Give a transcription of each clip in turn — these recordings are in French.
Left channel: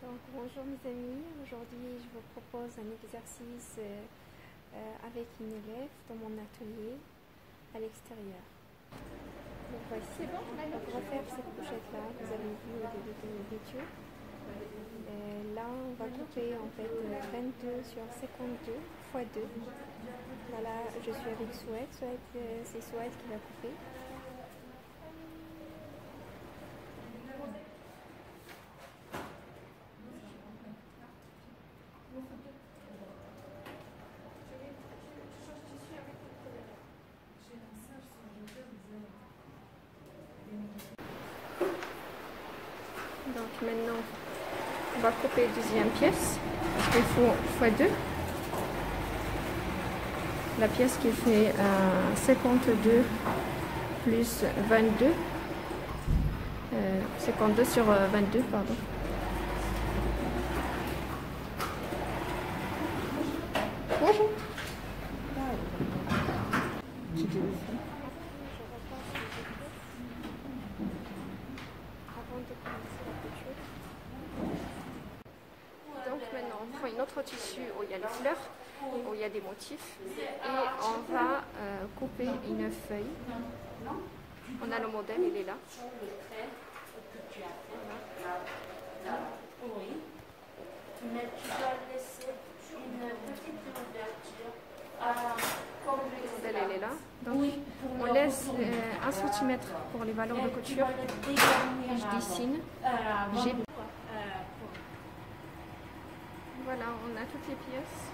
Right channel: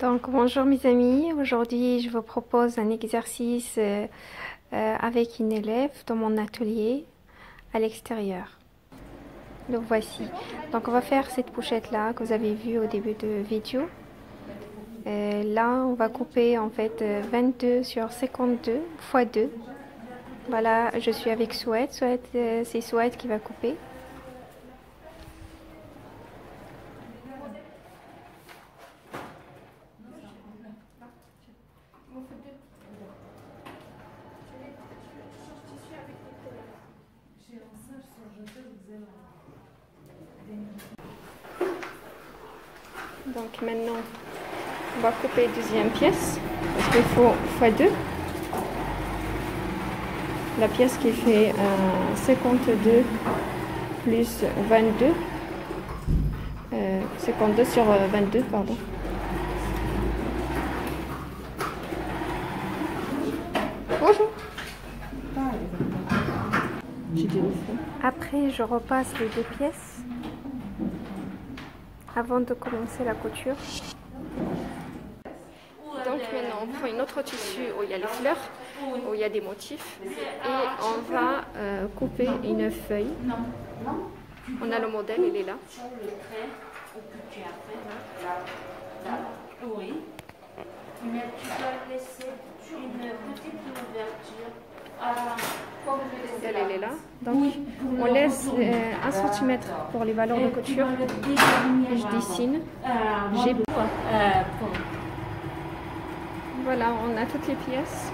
Donc bonjour mes amis, aujourd'hui je vous propose un exercice avec une élève dans mon atelier à l'extérieur. Le voici. Donc on va faire cette pochette là que vous avez vue au début de vidéo. Là on va couper en fait 22 sur 52 x 2. Voilà, je suis avec Souhaite. C'est Souhaite qui va couper. Donc maintenant, on va couper deuxième pièce, parce qu'il faut x2. La pièce qui fait 52 plus 22. 52 sur 22, pardon. Bonjour. Après, je repasse les deux pièces avant de commencer la couture. Donc maintenant, on prend une autre tissu où il y a les fleurs, où il y a des motifs, et on va couper une feuille. On a le modèle, il est là. Voilà. Oui. Mais tu dois laisser une petite ouverture. Le modèle, il est là. Donc, on laisse 1 cm pour les valeurs de couture. Et je dessine. Voilà, on a toutes les pièces.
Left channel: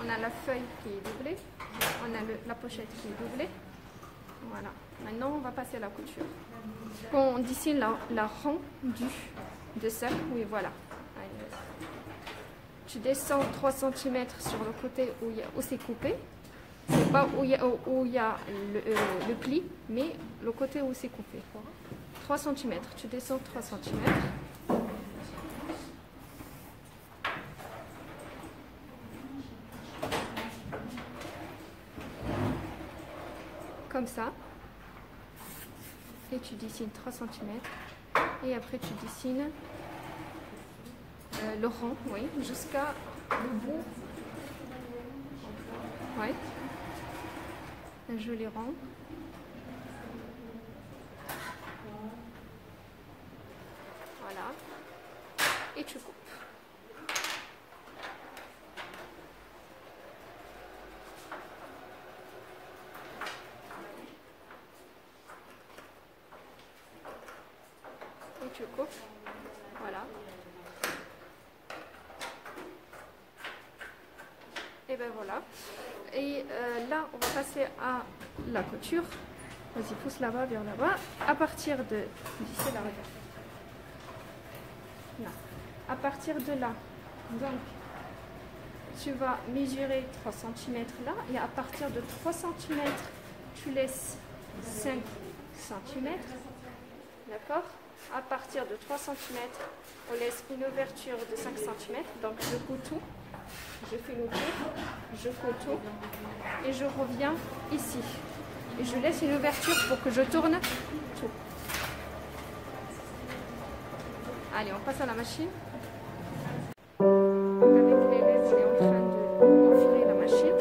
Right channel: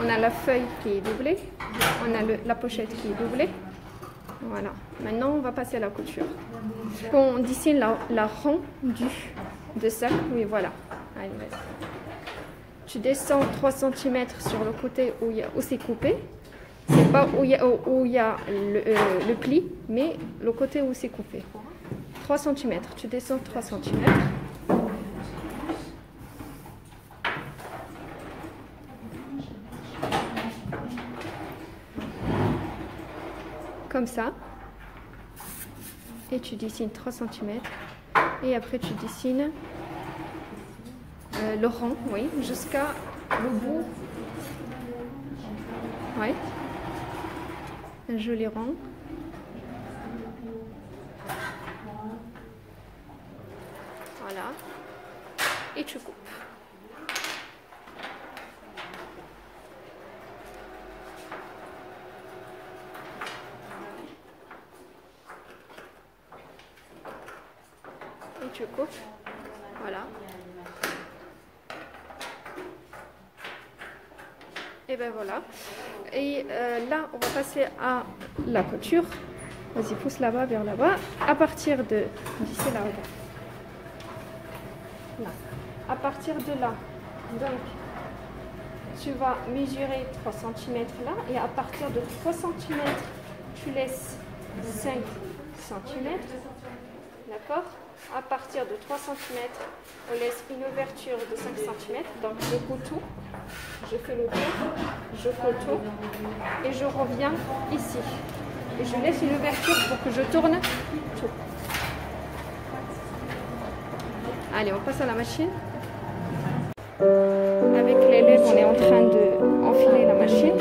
On a la feuille qui est doublée. On a la pochette qui est doublée. Voilà. Maintenant, on va passer à la couture. On dessine la rond de sac. Oui, voilà. Allez, tu descends 3 cm sur le côté où c'est coupé. C'est pas où il y a le pli, mais le côté où c'est coupé. 3 cm. Tu descends 3 cm. Comme ça. Et tu dessines 3 cm. Et après, tu dessines le rond, oui, jusqu'à le bout. Oui. Un joli rond. Voilà. Et tu coupes. Et tu coupes. Voilà. Et ben voilà. Et là, on va passer à la couture. Vas-y, pousse là-bas, vers là-bas. À partir de... D'ici là, regarde. Là. À partir de là, donc, tu vas mesurer 3 cm là. Et à partir de 3 cm, tu laisses 5 cm. D'accord? À partir de 3 cm, on laisse une ouverture de 5 cm. Donc, je coupe tout. Je fais le tour, je fais le tour et je reviens ici. Et je laisse une ouverture pour que je tourne tout. Allez, on passe à la machine. Avec l'élève, on est en train d'enfiler la machine.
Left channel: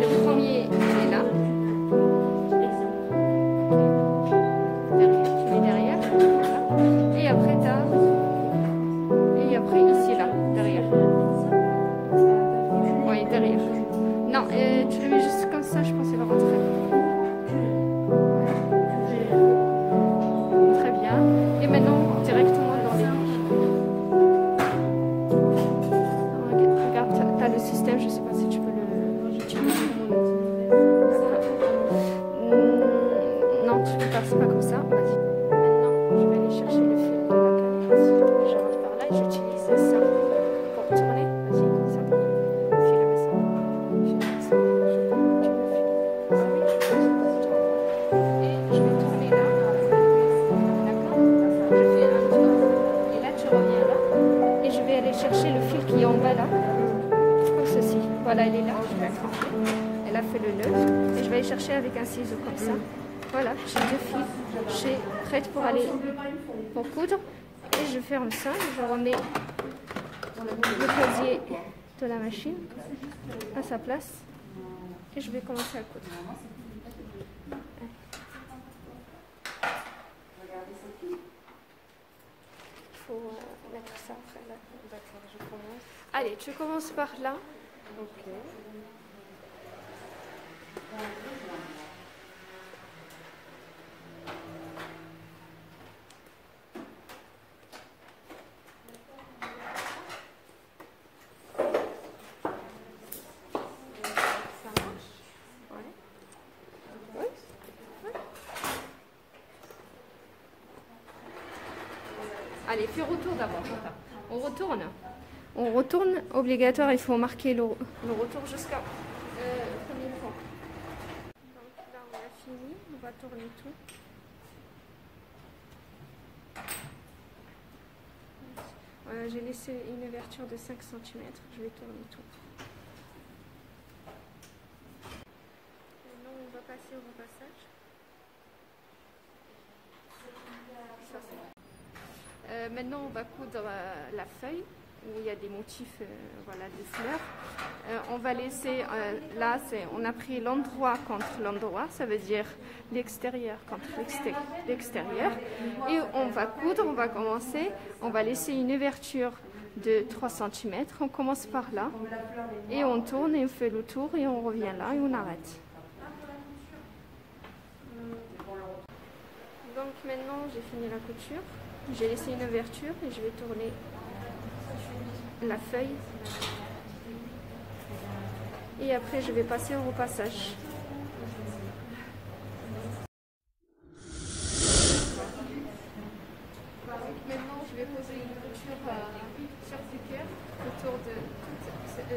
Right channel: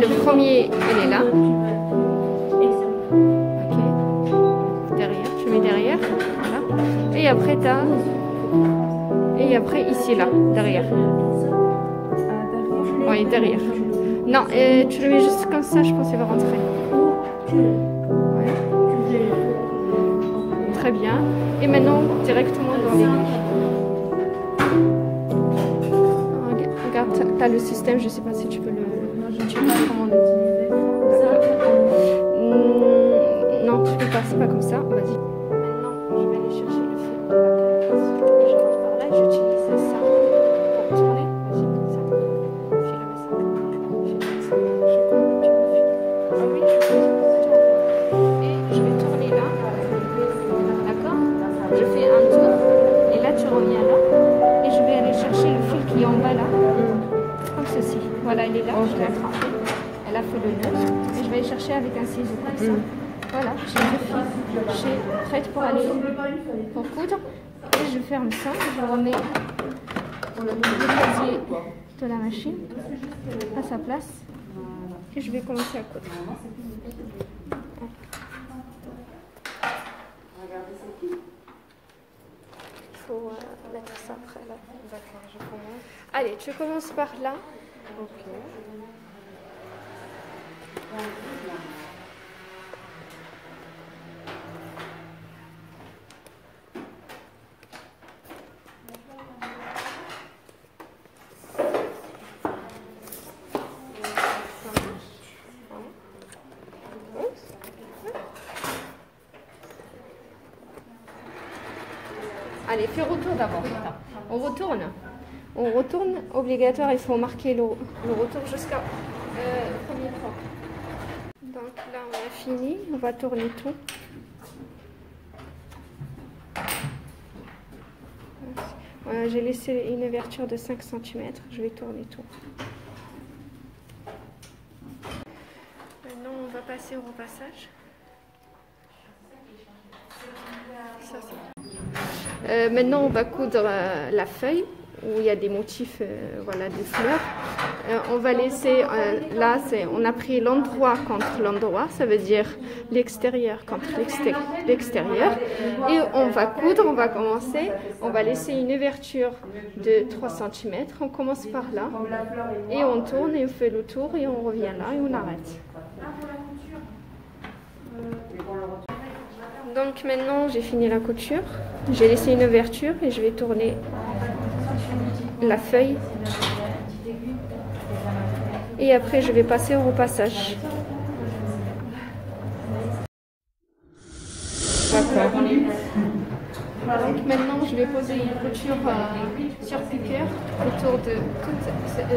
Le premier, il est là. Okay. Derrière, tu mets derrière. Voilà. Et après, Et après, ici, là, derrière. Oui, derrière. Non, tu le mets juste comme ça, je pense qu'il va rentrer. Ouais. Très bien. Et maintenant, directement dans l'aiguille. Regarde, tu as le système, je ne sais pas si tu peux le... Non, tu ne passes pas comme ça. Vas-y. Je vais aller chercher le fil de la canne. Je rentre par là et j'utilise ça pour tourner. Vas-y, ça. Filme ça. Je coupe, tu me Okay. Elle a fait le nœud et je vais aller chercher avec un ciseau comme ça. Voilà, j'ai 2 fils, je suis prête pour aller pour coudre. Et je ferme ça, je remets le casier de la machine à sa place et je vais commencer à coudre. Il faut mettre ça après là. D'accord, je commence. Allez, tu commences par là. Ok. Allez, fais retour d'abord. On retourne. Obligatoire, il faut marquer le retour jusqu'à premier point. Donc là, on a fini. On va tourner tout. Voilà, j'ai laissé une ouverture de 5 cm. Je vais tourner tout. Maintenant, on va passer au repassage. Ça, c'est... maintenant, on va coudre la feuille où il y a des motifs, voilà, des fleurs. On va laisser, là, on a pris l'endroit contre l'endroit, ça veut dire l'extérieur contre l'extérieur. Et on va coudre, on va commencer, on va laisser une ouverture de 3 cm. On commence par là et on tourne et on fait le tour et on revient là et on arrête. Donc maintenant, j'ai fini la couture. J'ai laissé une ouverture et je vais tourner la feuille. Et après, je vais passer au repassage. D'accord. Donc maintenant, je vais poser une couture sur piqueur autour de toute cette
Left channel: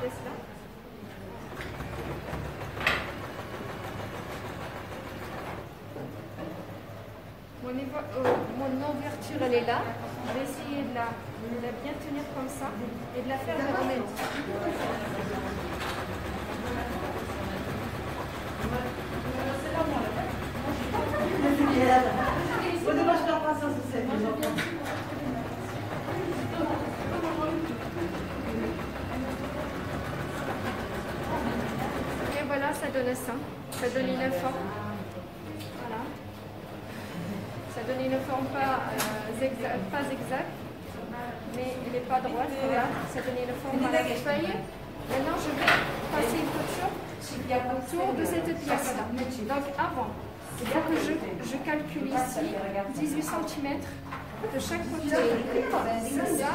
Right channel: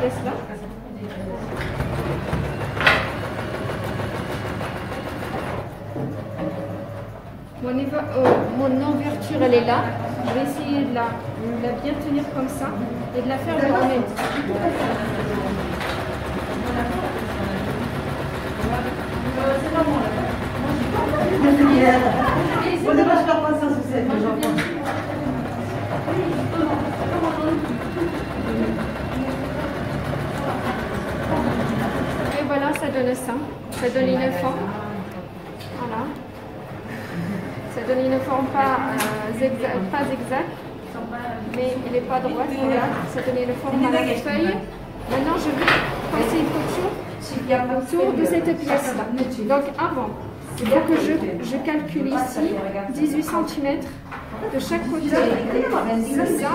pièce-là. Mon ouverture, elle est là. Je vais essayer de la bien tenir comme ça et de la faire en même temps. Et voilà, ça donne ça. Ça donne une forme. Voilà. Ça donne une forme pas exacte, mais elle n'est pas droite. Regarde, ça donne une forme à la feuille. Maintenant, je vais passer une couture autour de cette pièce-là. Donc, avant, il faut que je calcule ici 18 cm de chaque côté. C'est ça,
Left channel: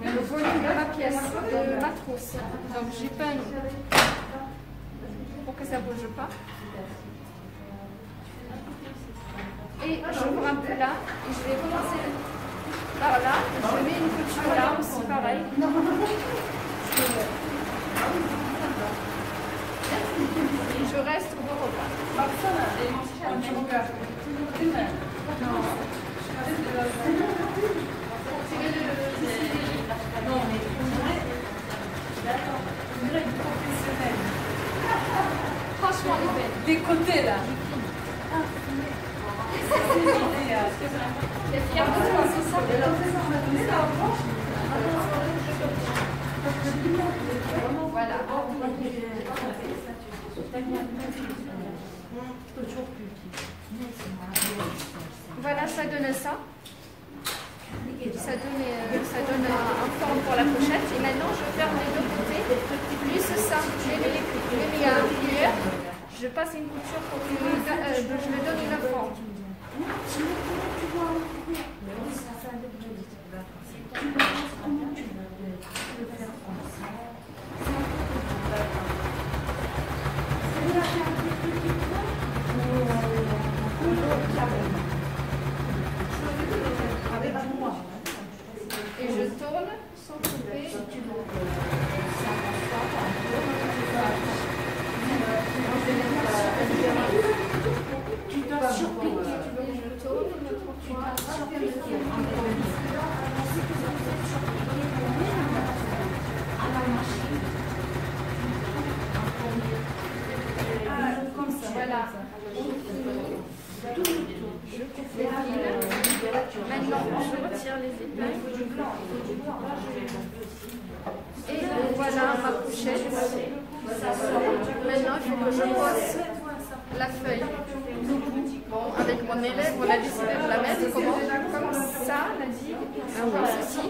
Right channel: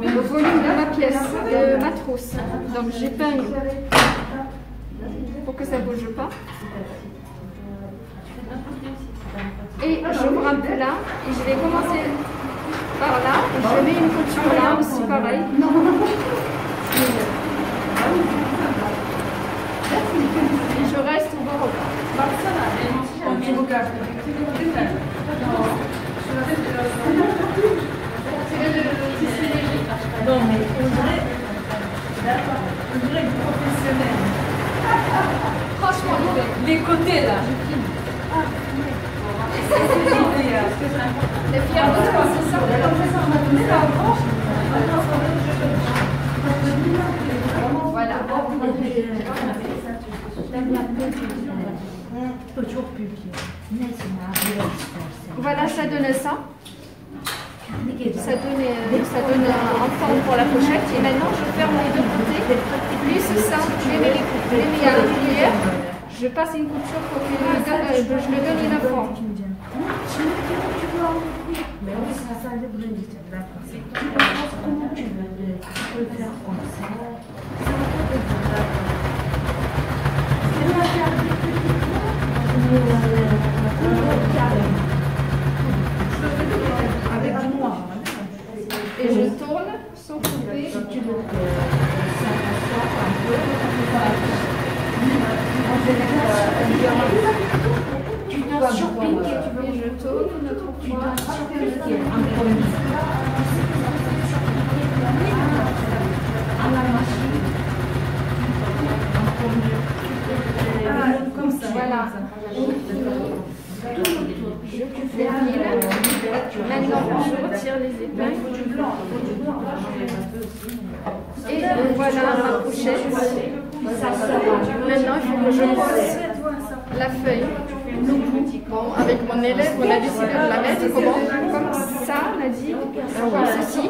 le volume de ma pièce, de ma trousse. Donc, j'épingle pour que ça ne bouge pas. Et j'ouvre un peu là et je vais commencer par là. Je mets une couture là aussi, pareil. Et je reste au bord. Non, mais on dirait, d'accord, on dirait professionnel. Franchement, Les côtés là. les fiers de toi, c'est ça. Voilà. Voilà, ça donne ça. Ça donne en forme pour la pochette. Et maintenant, je ferme les deux côtés. Plus ça, je les mets à l'intérieur. Je passe une couture pour que je le donne une forme. Mais oui, ça a des d'accord. Comment tu veux le faire comme ça? Et je tourne sans couper. Tu dois surpiquer. Et je tourne une autre fois. À la machine. Voilà. Je coupe les fils. Maintenant, je retire les épingles. Et voilà ma pochette. Maintenant, il faut que je pose la feuille. Bon, avec mon élève, on a décidé de la mettre comme ça, on a dit, comme ceci,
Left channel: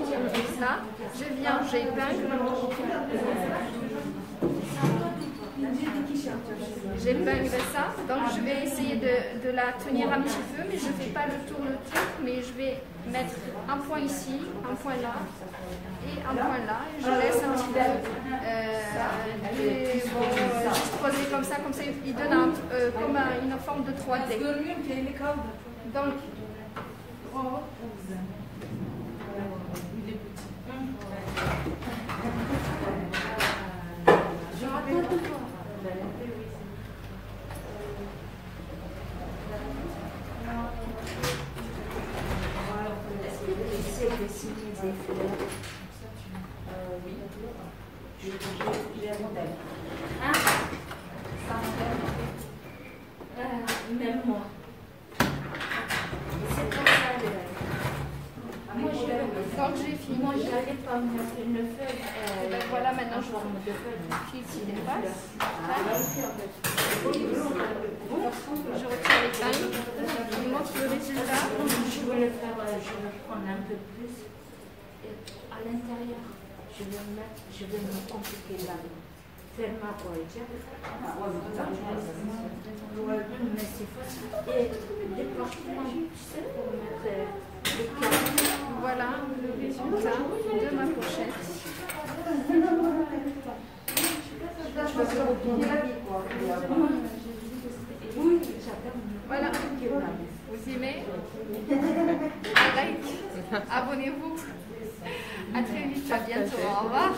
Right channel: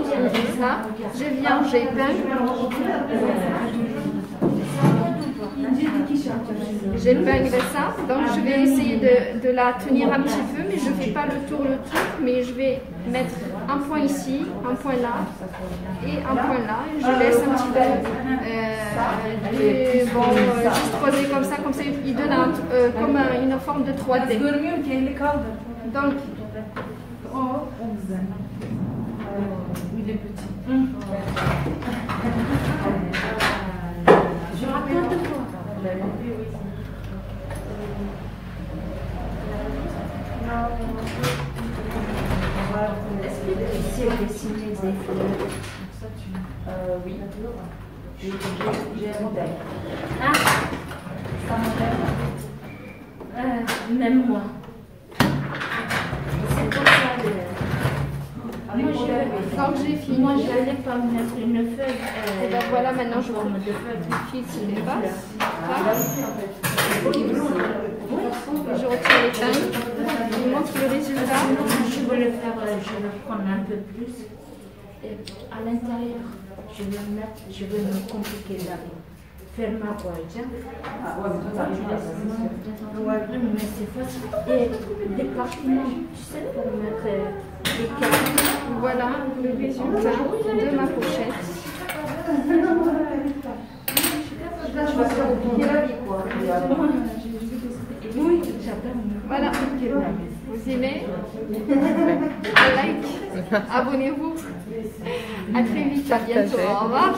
là. Je viens, j'épingle. J'épingle ça, donc je vais essayer de la tenir un petit peu, mais je ne fais pas le tour, mais je vais mettre un point ici, un point là et un point là. Je laisse un petit peu, juste poser comme ça il donne comme une forme de 3D. Donc, Il est petit. Je raconte quoi? Est-ce que tu sais dessiner des fleurs? Oui. J'ai un modèle. Ah, ça modèle. Même moi. C'est comme ça. quand j'ai fini, Moi, je n'allais pas mettre une feuille. et ben voilà, maintenant je forme vous de feuille. fil qui dépasse. Je retire les teintes. Je vous montre le résultat. Je veux le faire, je veux prendre un peu plus. Et à l'intérieur, je veux me compliquer la vie. Faire ma voix, mais c'est facile. Et des partiments, tu sais, pour mettre les cartes. Voilà le résultat de ma pochette. Oui, j'adore. Voilà. Vous aimez? Un like. Abonnez-vous. À très vite. À bientôt. Au revoir.